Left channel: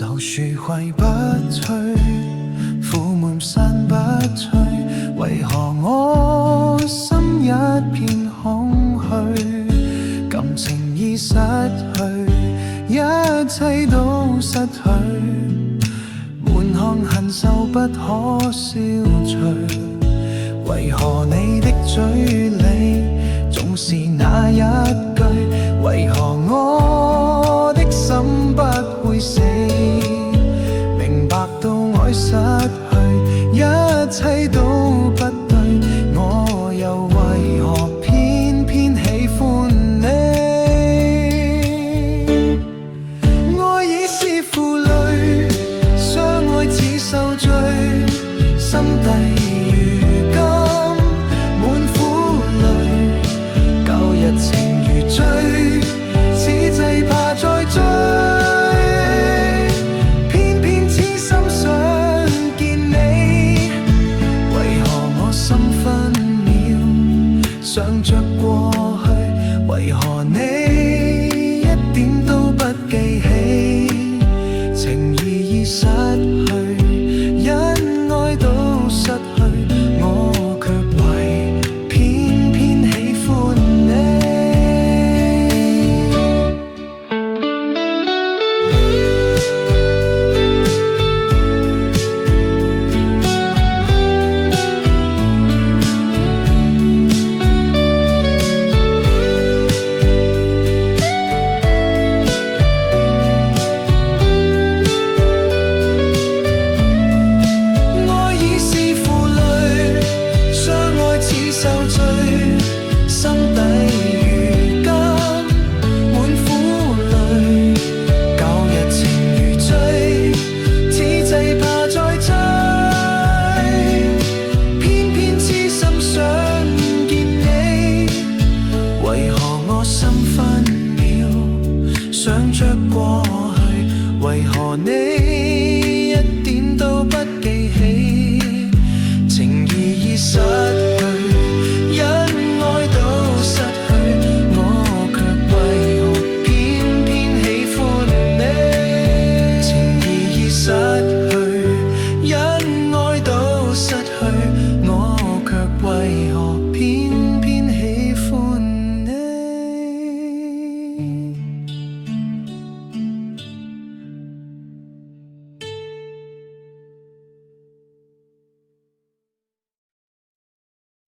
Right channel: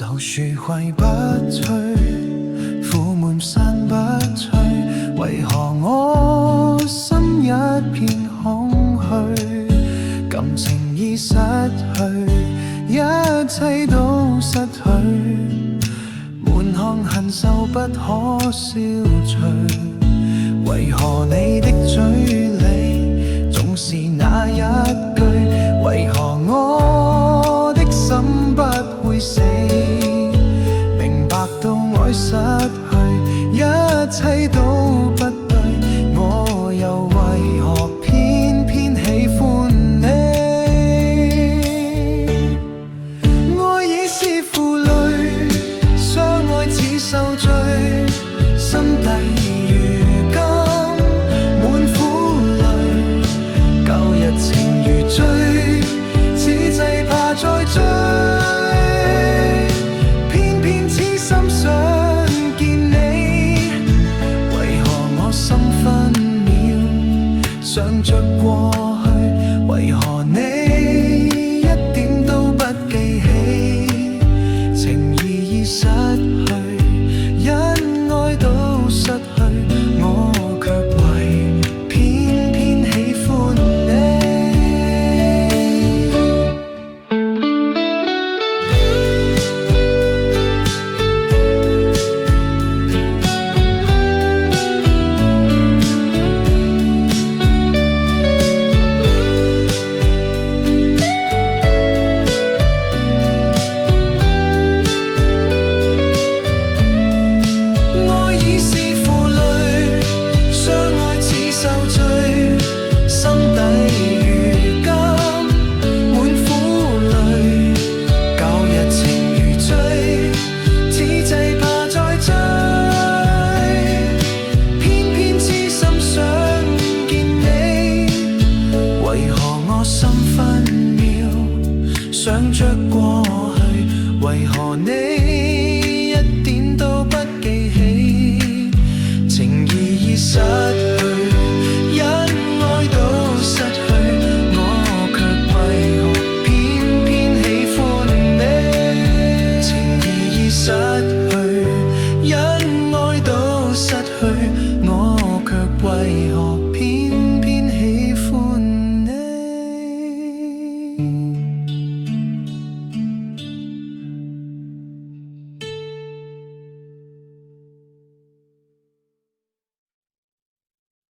就樹揮不去，苦悶散不去，為何我心一片空虛？感情已失去，一切都失去，滿腔恨愁不可消除。為何你的嘴裏總是那一句？為何我的心不會死？明白到愛失去，一切都不對，我又為何偏偏喜歡你？愛已是負累，相愛似受罪，心底如今滿苦淚，舊日情如醉，此際怕再追，偏偏痴心想見你，為何我心分秒想着過去？為何你一點都不記起？情義已失去，恩愛都失去，我卻為偏偏喜歡你。受罪，心底如今滿苦淚，舊日情如醉，此際怕再追，偏偏痴心想見你，為何我心分秒想着過去？為何你一點都不記起？情義已失去，恩愛都失去，我卻為何偏偏喜歡你？情義已失去，恩愛都失去，我卻為何偏偏喜歡你？